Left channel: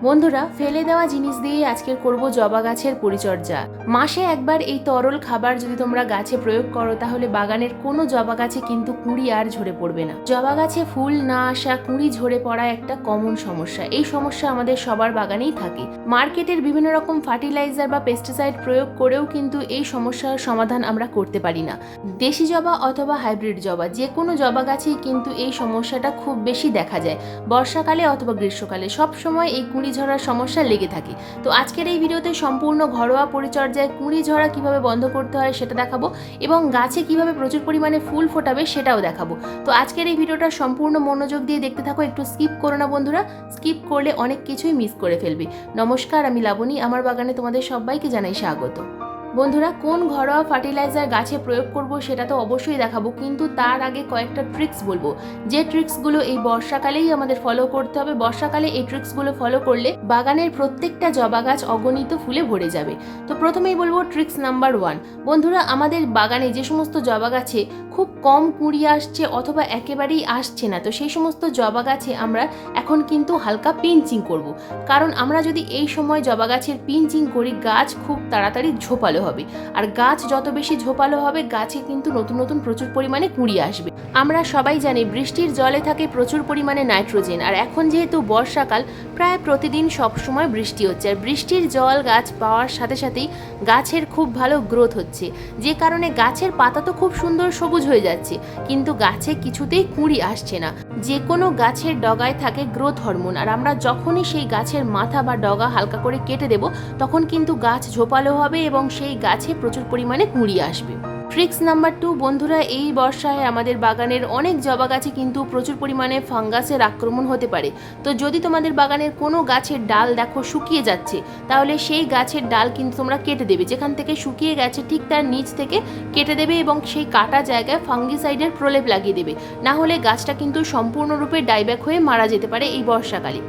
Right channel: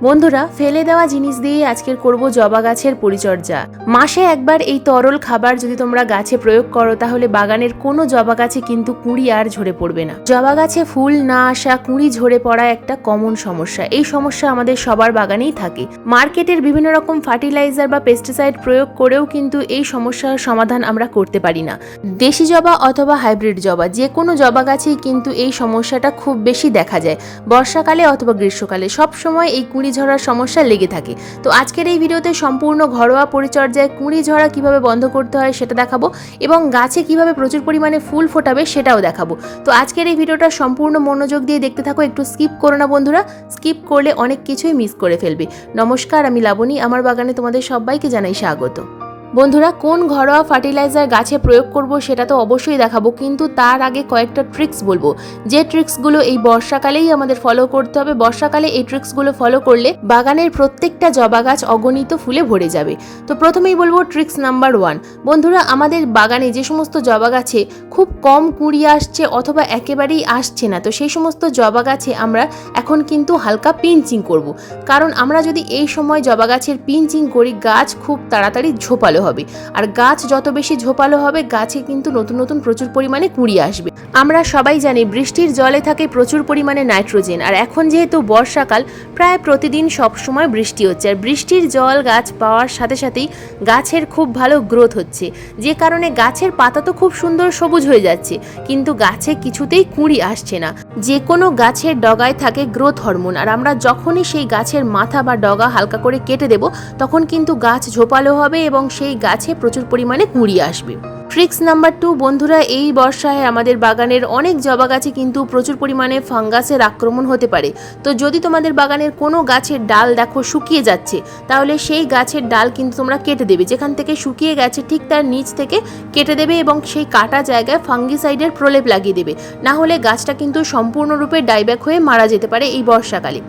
বন্ধুরা, ফেলে দেওয়া জিনিস দিয়ে আজকের করব জবা গাছের পরিচর্যা। মাসে একবার এই তরল খাবার যদি তোমরা গাছে প্রয়োগ করো তাহলে বাগানের কোনো জবা গাছে কিন্তু কুঁড়ি আর ঝরে পড়বে না। জবা গাছে ফুল না আসা, কুঁড়ি ঝরে পড়া একটা কমন সমস্যা। এই সমস্যা আমাদের সবার বাগানেই থাকে। মার্কেটের বিভিন্ন রকম ফার্টিলাইজার বা পেস্টিসাইড প্রয়োগ করেও কিন্তু এই সমস্যার সমাধান আমরা করতে পারি না। দেশি জবা অথবা হাইব্রিড জবা, যে কোনো জবা গাছেই কিন্তু এই সমস্যাটা খুব বেশি দেখা যায়। বর্ষাকালে অথবা গ্রীষ্মকালে সবসময় এই কুঁড়ি ঝরার সমস্যা লেগে থাকে। তো আজকের এই ভিডিওতে সম্পূর্ণ ঘরোয়া পরিচর্যায় কুঁড়ি ঝরা কিভাবে বন্ধ করতে হয় সেটা দেখাবো, এবং গাছে কিভাবে প্রচুর পরিমাণে ফুল ফোটাবে সেটাও দেখাবো। তো আজকের এই ভিডিওটা সম্পূর্ণ মনোযোগ দিয়ে দেখতে থাকো, একটু স্কিপ করো না বন্ধুরা। স্কিপ করলে অনেক কিছুই মিস করে ফেলবে। নমস্কার, আমি লাবণী, আমার বাগানে তোমাদের সবাইকে জানাই স্বাগত। বন্ধুরা, কোন ঘরোয়া ফার্টিলাইজার গাছে প্রয়োগ করব সেটা তো অবশ্যই দেখাবো, কিন্তু তার আগে কয়েকটা ট্রিক্স বলবো, যে ট্রিক্সগুলো এই বর্ষাকালেই আমাদের ফলো করতে হবে। বর্ষাকালে এই ট্রিক্সগুলো ফলো করলে বাগানের প্রত্যেকটা জবা গাছ অগণিত ফুলে ভরে যাবে। তো প্রথমেই বলবো ট্রিক্স নাম্বার 1। বন্ধুরা, আমাদের বাগানে যে সমস্ত জবা গাছে খুব কম কুঁড়ি আসছে অথবা একেবারেই আসছে না, তো সেই সমস্ত জবা গাছে আমরা এখন কিন্তু হালকা পিঞ্চিং করব। কারণ আমরা যদি এই সময় জবা গাছের পিঞ্চিং করি, গাছ খুব তাড়াতাড়ি ঝোপালো হবে, আর গাছ যত বেশি ঝোপালো হবে গাছে কিন্তু নতুন নতুন প্রচুর পরিমাণে কুঁড়ি আসবে। আমরা সবাই জানি বৃষ্টির জলে থাকে প্রচুর পরিমাণে নাইট্রোজেন, আর এখন যেহেতু বর্ষাকাল, প্রায় প্রতিদিন সব সময় বৃষ্টি হচ্ছে, আর বৃষ্টির জল গাছ পাওয়ার সাথে সাথেই গাছের খুব ভালো গ্রোথ হচ্ছে, যে কারণে গাছের পাতা তো খুব সুন্দর সবুজ হয়ে যাচ্ছে, কিন্তু গাছে কিছুতেই কুঁড়ি আসছে না। যে কোনো গাছের ডগায় থাকে গ্রোথ হরমোন, আর আমরা যখনই সেই গাছের মাথা বা ডগা হালকা করে কেটে দেব তখন কিন্তু গাছ ঝোপালো হবে এবং সেই গাছে প্রচুর পরিমাণে কুঁড়ি আসবে। Tricks number 2। বন্ধুরা, এই বর্ষায় আমাদের বাগানের অনেক জবা গাছে কিন্তু প্রচুর পরিমাণে ফাঙ্গাসের আক্রমণ হতে পারে। তো যদি তোমাদের বাগানের কোনো গাছের ডাল দেখো শুকিয়ে যাচ্ছে, তাহলে সেই গাছের ডাল কিন্তু তোমরা কেটে দেবে। যেখান থেকে শুকিয়ে গেছে ঠিক তার নিচ থেকে কেটে দেবে এবং সেই কাটা জায়গায় ফাঙ্গিসাইডের প্রলেপ লাগিয়ে দেবে, না হলে গাছটা কিন্তু সম্পূর্ণরূপে ডাইব্যাক হয়ে মারা যেতে পারে এই বর্ষাকালে।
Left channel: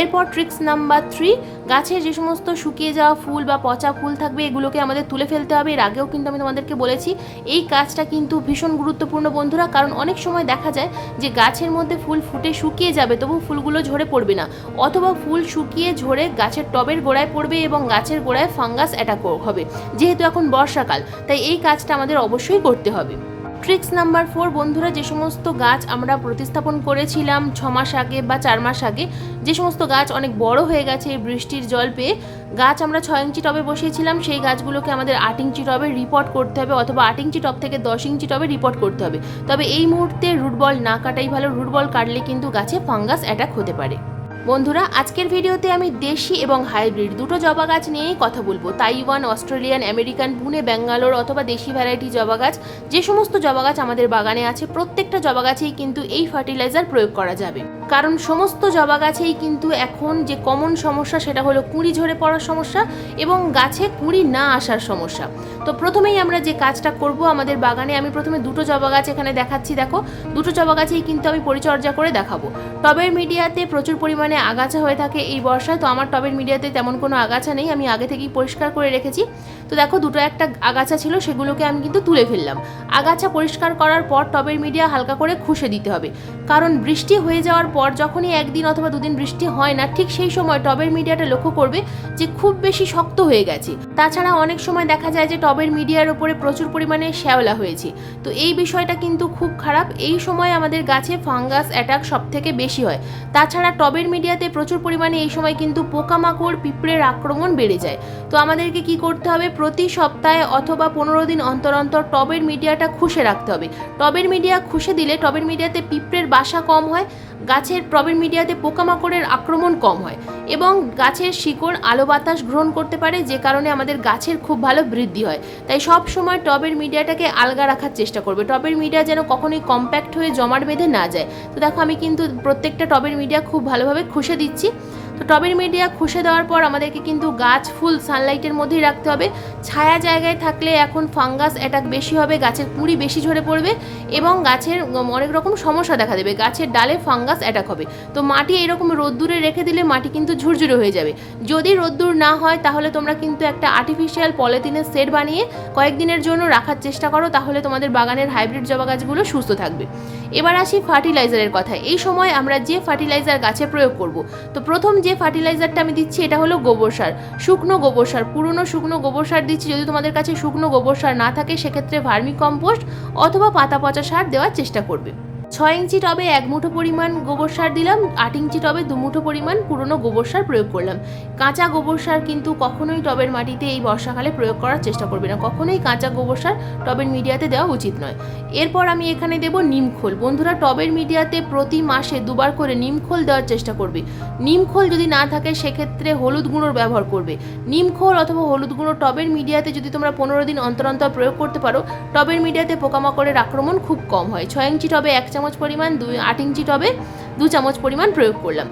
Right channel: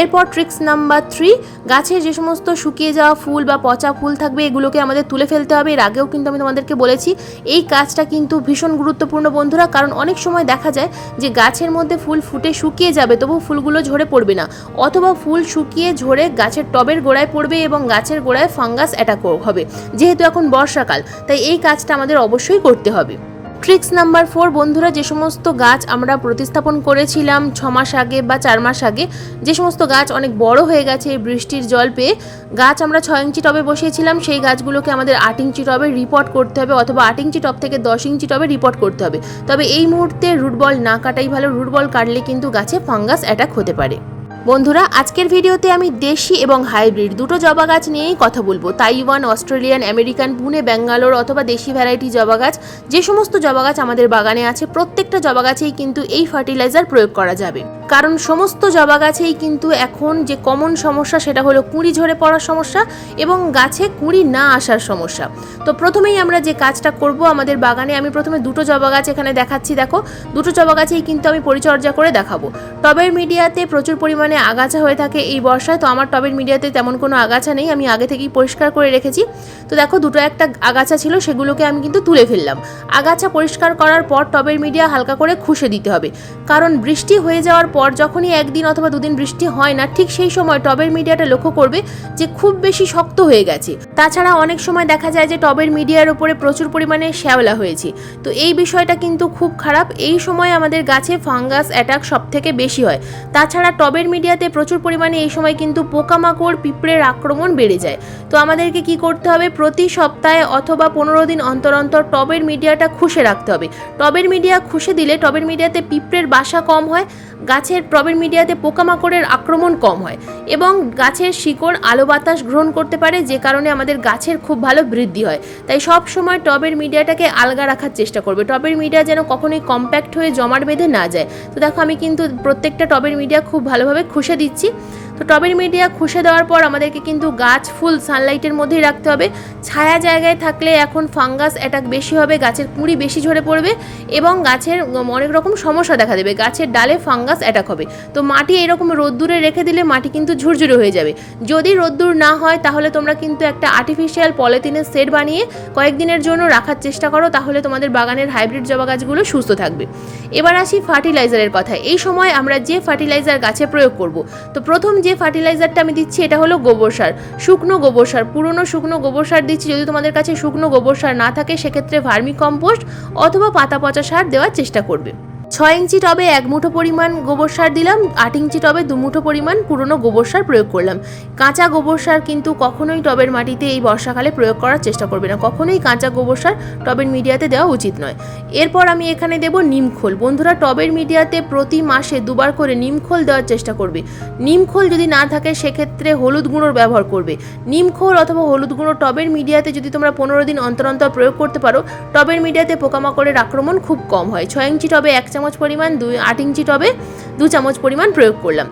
এরপর ট্রিক্স নাম্বার 3। গাছের যে সমস্ত শুকিয়ে যাওয়া ফুল বা পচা ফুল থাকবে এগুলোকে আমাদের তুলে ফেলতে হবে। এর আগেও কিন্তু আমি তোমাদেরকে বলেছি এই কাজটা কিন্তু ভীষণ গুরুত্বপূর্ণ বন্ধুরা, কারণ অনেক সময় দেখা যায় যে গাছের মধ্যে ফুল ফুটে শুকিয়ে যাবে তবু ফুলগুলো ঝরে পড়বে না, অথবা ফুল শুকিয়ে ঝরে গাছের টবের গোড়ায় পড়বে এবং গাছের গোড়ায় ফাঙ্গাস অ্যাটাক হবে। যেহেতু এখন বর্ষাকাল, তাই এই কাজটা আমাদের অবশ্যই করতে হবে। Tricks number 4। বন্ধুরা, যে সমস্ত গাছ আমরা প্রতিস্থাপন করেছিলাম 6 মাস আগে বা 4 মাস আগে, যে সমস্ত গাছ অনেক বড় হয়ে গেছে বৃষ্টির জল পেয়ে, গাছ আমরা 6 ইঞ্চি টবে বসিয়েছিলাম, সেই গাছগুলোকে আমাদের 8 ইঞ্চি টবে রিপোর্ট করতে হবে, অথবা 8 ইঞ্চি টব থেকে 10 ইঞ্চি টবে রিপোর্ট করতে হবে। তবে এই মুহূর্তে রুট বল না কাটাই ভালো, রুট বল কাটলে কিন্তু গাছে ফাঙ্গাস অ্যাটাক হতে পারে। বন্ধুরা, আজকের ভিডিওতে আমি দেশি এবং হাইব্রিড দুটো জবা গাছ নিয়েই কথা বলবো। Taiwan, Australian, American, Pune, Bangalore অথবা দেশি ভ্যারাইটি জবা গাছ, যে সমস্ত জবা গাছ আমাদের বাগানে আছে প্রত্যেকটা জবা গাছেই কিন্তু এই ফার্টিলাইজার প্রয়োগ করা যাবে। কারণ সমস্ত জবা গাছেই কিন্তু এখন যে কমন সমস্যা সেটা হলো কুঁড়ি ঝরে পড়ার সমস্যা এবং গাছে কুঁড়ি না আসার সমস্যা। তো প্রথমেই আমরা যে কাজটা করব, আমাদের বাগানে আমি প্রথমে দুটো জবা গাছ এখানে দেখাচ্ছি। দেখো, দুটো জবা গাছেই কিন্তু আমি পরিচর্যা করে দেখাবো। টবের মিডিয়াতে প্রচুর পরিমাণে আগাছা হয়ে থাকে এই বর্ষায়, তো আমার টবের মিডিয়াতে তেমন কোনো আগাছা নেই, আমি আগে থেকেই পরিষ্কার করে রেখেছি। তো দেখো, দুটো একটা আগাছা ছিল, সেগুলোকে আমি কিন্তু তুলে ফেললাম। আগাছা পরিষ্কার করার পর টবের মিডিয়া হালকা করে খুশে দিতে হবে, কারণ বৃষ্টি হয়ে যাওয়ার পর যখনই একদিন অথবা দুদিন বৃষ্টি হয় না, ঠিক সেই সময় টবের মিডিয়াটা লক্ষ্য করবে যে খুব বেশি শক্ত হয়ে গেছে। তাছাড়া অনেক সময় দেখা যায় যে টবের মিডিয়ার উপরে প্রচুর পরিমাণে শ্যাওলা হয়েছে, তো এই বিষয়টা কিন্তু খুব খারাপ। এই সময় আমাদের গাছে ফাঙ্গাস অ্যাটাক সব থেকে বেশি হয়। তাছাড়া টবের মিডিয়াতে প্রচুর পরিমাণে এই সময় কিন্তু পোকামাকড়, পিঁপড়ের আক্রমণ বেড়ে যায়। তো আমাদেরকে কি করতে হবে, প্রতি সপ্তাহে অথবা 15 দিন অন্তর অন্তর টবের মিডিয়াটা খুশে রাখতে হবে। টবের মিডিয়া খুশে দিলে টবের মিডিয়াতে পিঁপড়ের বাসা কম হয়, গাছের টবের মিডিয়াতে পোকামাকড়ের আক্রমণ কম হয় এবং গাছের শিকড় আলো বাতাস গ্রহণ করতে পারে, যে কারণে আমাদের গাছের খুব ভালো বৃদ্ধি হয়। তাই সব সময় টবের মিডিয়াটাকে আলগা রাখার চেষ্টা করবে, টবের মিডিয়া যেন কখনোই কম্প্যাক্ট হয়ে জমাট বেঁধে না যায়। তো দেখো, আমি কিন্তু প্রত্যেকটা টবের মিডিয়া খুব ভালোভাবে খুশে দিচ্ছি। তো টবের মিডিয়া খুশে দেওয়ার পর আমাদেরকে কিন্তু গাছ ফুল সানলাইটের মধ্যেই রাখতে হবে। ছায়া জায়গায় থাকলে এখন ফাঙ্গাস অ্যাটাক বেশি হবে, গাছের কুঁড়ি বেশি ঝরে পড়বে এবং গাছের অনেক রকম সমস্যা দেখা দেবে, গাছের ডালে ফাঙ্গাস অ্যাটাক হবে। তো মাটি এরকম রোদ্দুরে রেখে দিলে মাটি কিন্তু ঝুরঝুরে হয়ে যাবে। যদি রোদ্দুর না হয় তাহলে তোমরা কিন্তু একটা আর্টিফিশিয়াল পলিথিনের সেট বানিয়ে কয়েকদিনের জন্য রাখার চেষ্টা করো, তাহলে তোমাদের বাগানের হাইব্রিড জবা গাছগুলো সুস্থ থাকবে। এবার আসি ফার্টিলাইজারের কথা। এই সময় আমরা যে ফার্টিলাইজার গাছে প্রয়োগ করব, তো প্রথম যে ফার্টিলাইজারটা আমি দিচ্ছি এটা হলো গোবর সার, শুকনো গোবর সার, পুরনো শুকনো গোবর সার দিচ্ছি। যদি তোমাদের কাছে শুকনো গোবর সার না থাকে সেক্ষেত্রে ভার্মি কম্পোস্ট অথবা পাতা পচা সার দেওয়ার চেষ্টা করবে। 6 ইঞ্চি টবে 1 মুঠো পরিমাণ গোবর সার দিলাম, 8 ইঞ্চি টবে 2 মুঠো পরিমাণ পুরনো গোবর সার প্রয়োগ করলাম। কাঁচা গোবর সার কিন্তু কখনোই টবের মাটিতে এই বর্ষাকালে প্রয়োগ করার চেষ্টা করবে না, কখনোই কাঁচা গোবর সার টবের মিডিয়াতে দেওয়া উচিত নয়। এরপর আমি এখানে দেব নিমখোল। বন্ধুরা, টবের মিডিয়াতে প্রতি মাসে 2 বার করে নিমখোল দেওয়ার চেষ্টা করবে। নিমখোল যদি না থাকে সেক্ষেত্রে হলুদ গুঁড়োর ব্যবহার করবে। নিমখোল অথবা হলুদ গুঁড়ো টবের মিডিয়াতে যদি তোমরা 15 দিন অন্তর অন্তর প্রয়োগ করতে পারো, টবের মিডিয়াতে পোকামাকড়ের আক্রমণ খুব কম হয়। 6 ইঞ্চি টবে 1 চামচ পরিমাণ, 8 ইঞ্চি টবে 2 চামচ পরিমাণ প্রয়োগ করলাম।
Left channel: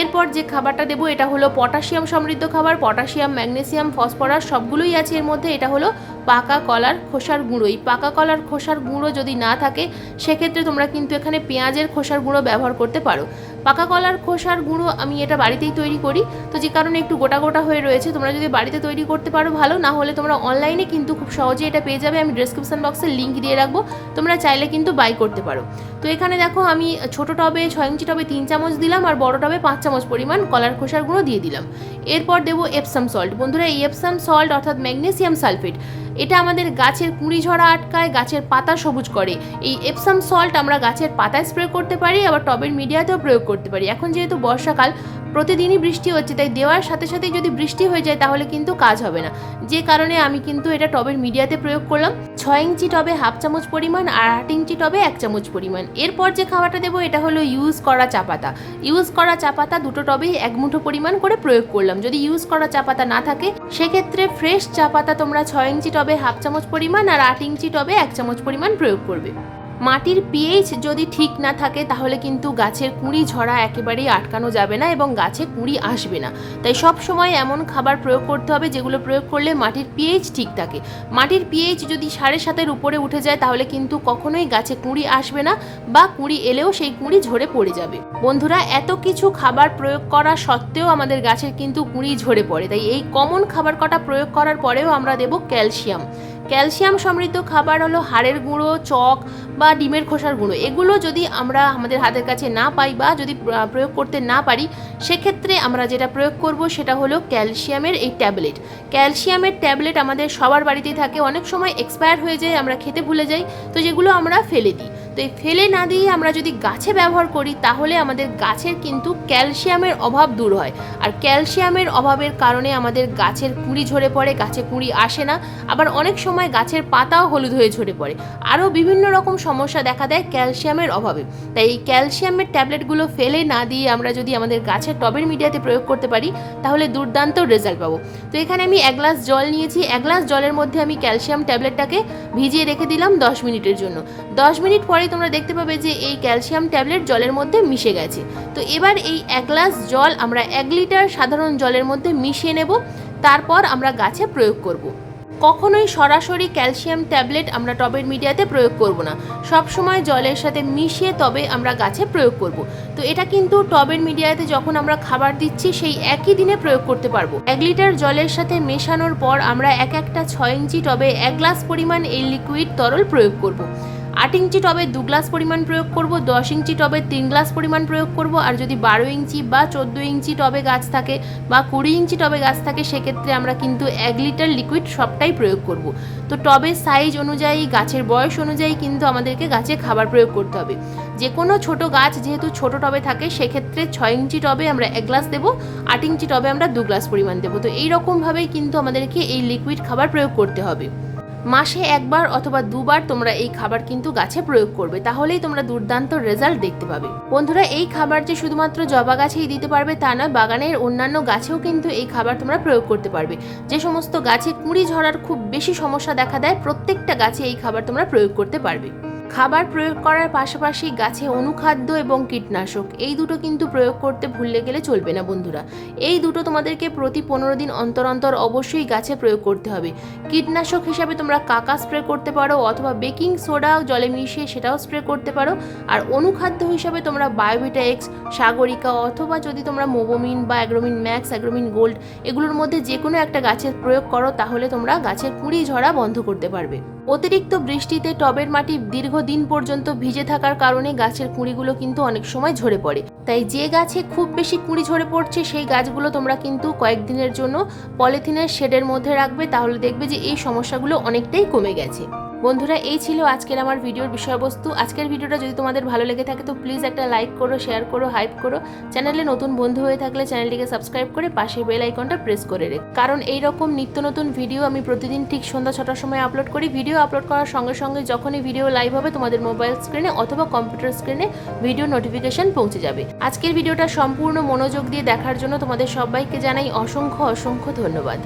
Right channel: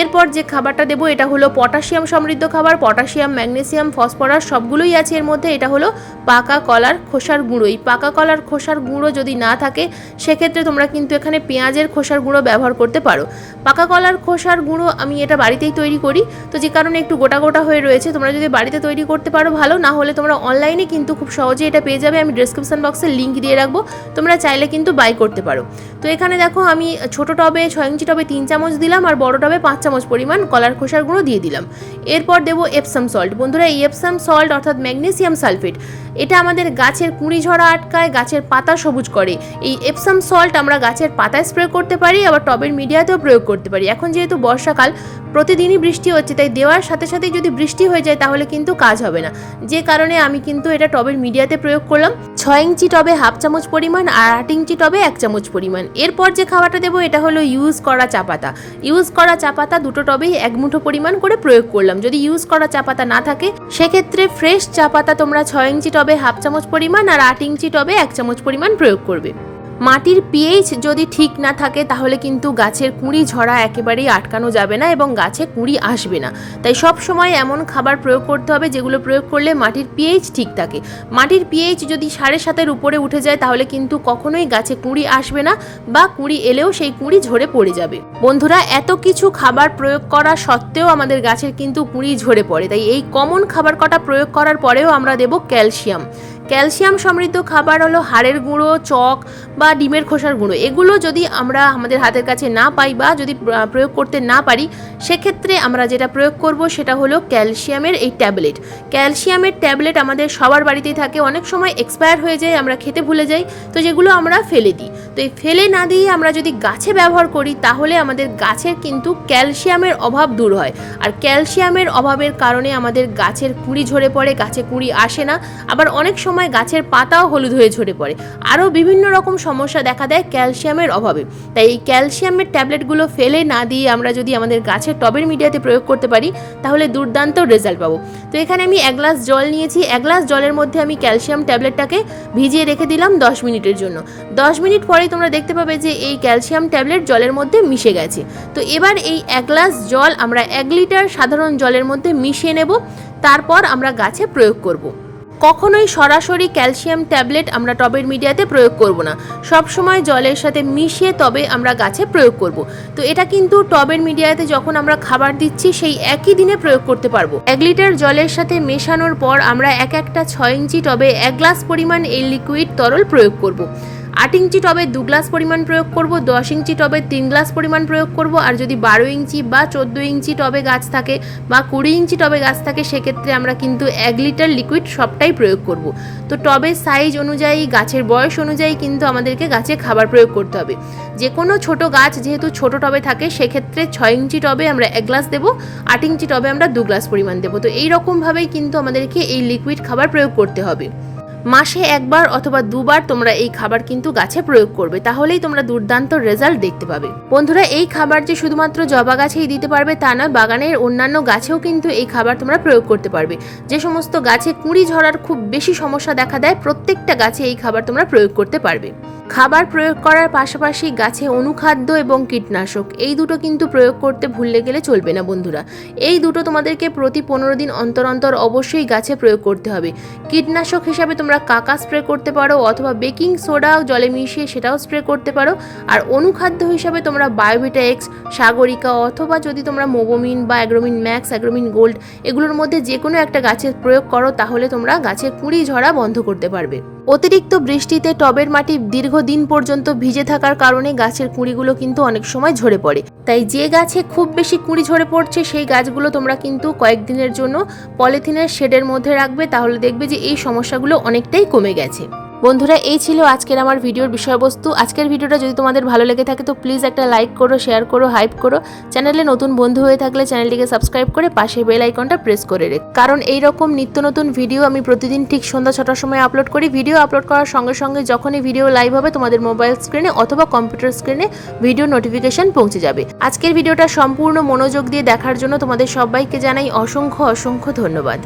এরপর যে খাবারটা দেবো এটা হলো পটাশিয়াম সমৃদ্ধ খাবার। পটাশিয়াম, ম্যাগনেসিয়াম, ফসফরাস সবগুলোই আছে এর মধ্যে। এটা হলো পাকা কলার খোসার গুঁড়ো। এই পাকা কলার খোসার গুঁড়ো যদি না থাকে সেক্ষেত্রে তোমরা কিন্তু এখানে পেঁয়াজের খোসার গুঁড়ো ব্যবহার করতে পারো। পাকা কলার খোসার গুঁড়ো আমি এটা বাড়িতেই তৈরি করি, তো যে কারণে একটু গোটা গোটা হয়ে রয়েছে। তোমরা যদি বাড়িতে তৈরি করতে পারো ভালো, না হলে তোমরা অনলাইনে কিন্তু খুব সহজে এটা পেয়ে যাবে। আমি ডেসক্রিপশন বক্সে লিঙ্ক দিয়ে রাখবো, তোমরা চাইলে কিন্তু বাই করতে পারো। তো এখানে দেখো আমি ছোট টবে 6 ইঞ্চি টবে 3 চামচ দিলাম আর বড় টবে 5 চামচ পরিমাণ কলার খোসার গুঁড়ো দিয়ে দিলাম। এরপর দেবো এপসাম সল্ট। বন্ধুরা, এই এপসাম সল্ট অর্থাৎ ম্যাগনেসিয়াম সালফেট, এটা আমাদের গাছের কুঁড়ি ঝরা আটকায়, গাছের পাতা সবুজ করে। এই এপসাম সল্ট আমরা গাছের পাতায় স্প্রে করতে পারি, আবার টবের মিডিয়াতেও প্রয়োগ করতে পারি। এখন যেহেতু বর্ষাকাল, প্রতিদিনই বৃষ্টি হচ্ছে, তাই দেওয়ার সাথে সাথেই যদি বৃষ্টি হয়ে যায় তাহলে কিন্তু কাজ হবে না, যে কারণে আমি কিন্তু এটা টবের মিডিয়াতে প্রয়োগ করলাম। 6 ইঞ্চি টবে 1/2 চামচ পরিমাণ আর 8 ইঞ্চি টবে 1 চামচ পরিমাণ। এরপর যে খাবারটা দেবো এটা হলো ইউজ করা চা পাতা। ইউজ করা চা পাতা দুটো টবেই 1 মুঠো পরিমাণ করে প্রয়োগ করলাম। যদি ইউজ করা চা পাতা না থাকে সেক্ষেত্রে ফ্রেশ চা পাতা তোমরা 6 ইঞ্চি টবে 1/2 চামচ পরিমাণ আর 8 ইঞ্চি টবে 1 চামচ পরিমাণ প্রয়োগ করবে। মাটির পিএইচ যদি ঠিক না থাকে তাহলে কিন্তু গাছের কুঁড়ি ঝরা একেবারেই আটকানো যাবে না এবং গাছে কুঁড়ি আসবে না। তাই সব সময় এমন খাবার প্রয়োগ করতে হবে যেগুলো প্রয়োগ করলে মাটির পিএইচ ঠিক থাকে। মাটির পিএইচ যদি 7.5-এর উপরে উঠে যায় তাহলে কিন্তু কখনোই গাছে কুঁড়ি আসবে না, বা কুঁড়ি এলেও সেই কুঁড়ি ঝরে পড়ে যাবে। বন্ধুরা, এত কিছু খাবার প্রয়োগ করা সত্ত্বেও আমাদের গাছের কিন্তু কুঁড়ি ঝরে পড়ে। তাই এই কমন খাবার কটা প্রয়োগ করার পরেও আমরা দেব ক্যালসিয়াম। ক্যালসিয়াম সমৃদ্ধ খাবার হলো হাড়ের গুঁড়ো, চক বা ডিমের খোসার গুঁড়ো। এগুলো যদি আমরা আমাদের হাতের কাছে না পাই বা যদি প্রয়োগ করতে না পারি সেক্ষেত্রে আমরা যেটা প্রয়োগ করব সেটা হলো ক্যালসিয়ামের এই ট্যাবলেট। ক্যালসিয়ামের ট্যাবলেট আমাদের সবার বাড়িতেই থাকে, অনেক সময় এক্সপায়ার হয়ে যায়, আমরা খেতে ভুলে যাই, তো যেগুলো আমরা ফেলে দিই। তো এই ফেলে না দিয়ে আমরা যদি গাছে ব্যবহার করি তাহলে আমাদের গাছের কিন্তু ক্যালসিয়ামের অভাব দূর হয়। আর ক্যালসিয়ামের অভাবের কারণে আমাদের গাছের কুঁড়ি ঝরে পড়ে, গাছে কুঁড়ি আসে না, আবার অনেক সময় গাছের পাতাও হলুদ হয়ে ঝরে পড়ে। আরও বিভিন্ন রকম সমস্যা দেখা দেয় ক্যালসিয়ামের অভাবে। তাই এই ক্যালসিয়ামের ট্যাবলেটগুলো ফেলে না দিয়ে আমরা যদি আমাদের গাছের টবের মিডিয়াতে প্রয়োগ করতে পারি তাহলে দুর্দান্ত রেজাল্ট পাবো। তো এখানে আমি 1 গ্লাস জল নিয়েছি। 1 গ্লাস জলের মধ্যে আমি ক্যালসিয়াম ট্যাবলেটটাকে ভিজিয়ে রেখে দিলাম 10 মিনিটের জন্য। 10 মিনিট পরেই তোমরা দেখতে পাবে যে এই ক্যালসিয়াম ট্যাবলেট জলের মধ্যে মিশে গেছে। তো এবার এই 1 গ্লাস জল আমরা 1 লিটার সাধারণ জলের মধ্যে মিশিয়ে নেব, তারপর আমরা গাছে প্রয়োগ করব। কখনোই সরাসরি ক্যালসিয়াম ট্যাবলেট আমরা টবের মিডিয়াতে প্রয়োগ করব না, সব সময় জলের সাথে মিশিয়ে তবে আমরা গাছে প্রয়োগ করব। তো এটা কিন্তু টবের মিডিয়াতে যখন আমরা খাবার দিচ্ছি সেই একই দিনে প্রয়োগ করতে পারবো। 1 লিটার জলের সাথে মেশানোর পর আমরা একটা 6 ইঞ্চি টবে 1 গ্লাস পরিমাণ এই লিকুইড তরল প্রয়োগ করব। 8 ইঞ্চি টবে 2 গ্লাস পরিমাণ প্রয়োগ করব, 10 ইঞ্চি টবে 3 গ্লাস পরিমাণ প্রয়োগ করব, আর যদি 12 ইঞ্চি বা 14 ইঞ্চি টবে গাছ থাকে বা 20 ইঞ্চি টবে গাছ থাকে সেক্ষেত্রে আমরা কিন্তু 1 লিটার লিকুইড সবটাই প্রয়োগ করব। তো টবের সাইজ অনুযায়ী, গাছের বয়স অনুযায়ী কিন্তু আমাদেরকে গাছে খাবার প্রয়োগ করতে হবে। যে কোনো ছোট গাছ যেহেতু ছোট টবে থাকে সেক্ষেত্রে 6 ইঞ্চি টবে আমরা 1 গ্লাস দেবো, 8 ইঞ্চি টবে আমরা 2 গ্লাস পরিমাণ দেবো। তো এইরকমভাবেই কিন্তু আমাদেরকে এই লিকুইড খাবার প্রয়োগ করতে হবে। মাসে 1 বার অথবা 2 বার তোমরা এই খাবার কিন্তু গাছে প্রয়োগ করবে, তাহলেই তোমরা দুর্দান্ত রেজাল্ট দেখতে পাবে। বন্ধুরা, এই খাবার যে শুধুমাত্র জবা গাছেই দিতে পারবে তা নয়, বাগানের অন্যান্য গাছেও কিন্তু এই খাবার তোমরা প্রয়োগ করতে পারবে। যে সমস্ত গাছে কুঁড়ি ঝরার খুব বেশি সমস্যা দেখা দেয় প্রত্যেকটা গাছে এই খাবার তোমরা প্রয়োগ করতে পারবে। খাবার প্রয়োগ করার পাশাপাশি গাছে অনুখাদ্য এবং কীটনাশক এই দুটো কিন্তু প্রয়োগ করতে ভুললে গেলে চলবে না বন্ধুরা। এই দুটো তোমাদেরকে প্রতি 15 দিন অন্তর অন্তর অবশ্যই গাছে প্রয়োগ করতে হবে। কীটনাশক হিসাবে তোমরা কাকা স্প্রে করতে পারো অথবা বেকিং সোডা জলে মিশিয়ে সেটাও স্প্রে করতে পারো। আর অনুখাদ্য হিসাবে তোমরা বায়োভিটা এক্স, সাগরিকা অথবা যদি তোমরা মোবোমিন বা অ্যাগ্রোমিন ম্যাক্স, অ্যাগ্রোমিন গোল্ড এগুলোর মধ্যে যে কোনো একটা গাছের প্রয়োগ করো তাহলে তোমরা গাছের কুঁড়ি ঝরা বন্ধ করতে পারবে। অতিরিক্ত বৃষ্টিতে টবের মাটি দীর্ঘদিন পর্যন্ত ভিজে থাকার কারণে গাছের কুঁড়িগুলো কিন্তু অনেক সময় ঝরে পড়ে। তাই যে গাছে খুব বেশি কুঁড়ি ঝরে পড়ছে সেই গাছগুলো তোমরা কিন্তু কয়েকদিনের জন্য পলিথিনের শেডের মধ্যে রাখবে, তাহলে দেখবে যে এই সমস্যাগুলো অনেকটাই কমে গেছে। বন্ধুরা, এই ছিল আজকের আমার ভিডিওর বিষয়বস্তু। আজকের ভিডিওটা যদি তোমাদের ভালো লেগে থাকে তো প্লিজ একটা লাইক করো, শেয়ার করো, হাইপ করো। চ্যানেলে নতুন বন্ধু হয়ে থাকলে চ্যানেলটিকে সাবস্ক্রাইব করে পাশের বেল আইকনটা প্রেস করে রেখো, কারণ এই রকম নিত্য নতুন ভিডিও আমি প্রতিদিন ঠিক সন্ধ্যা 6টার সময় আপলোড করি। ভিডিও আপলোড করার সঙ্গে সঙ্গে যখনই ভিডিও লাইভ হবে তোমাদের মোবাইল স্ক্রিনে অথবা কম্পিউটার স্ক্রিনে ভিডিও নোটিফিকেশন পৌঁছে যাবে। আজকের ভিডিওটা সম্পূর্ণ মনোযোগ দিয়ে দেখার জন্য তোমাদের সবাইকে জানাই অসংখ্য অসংখ্য ধন্যবাদ।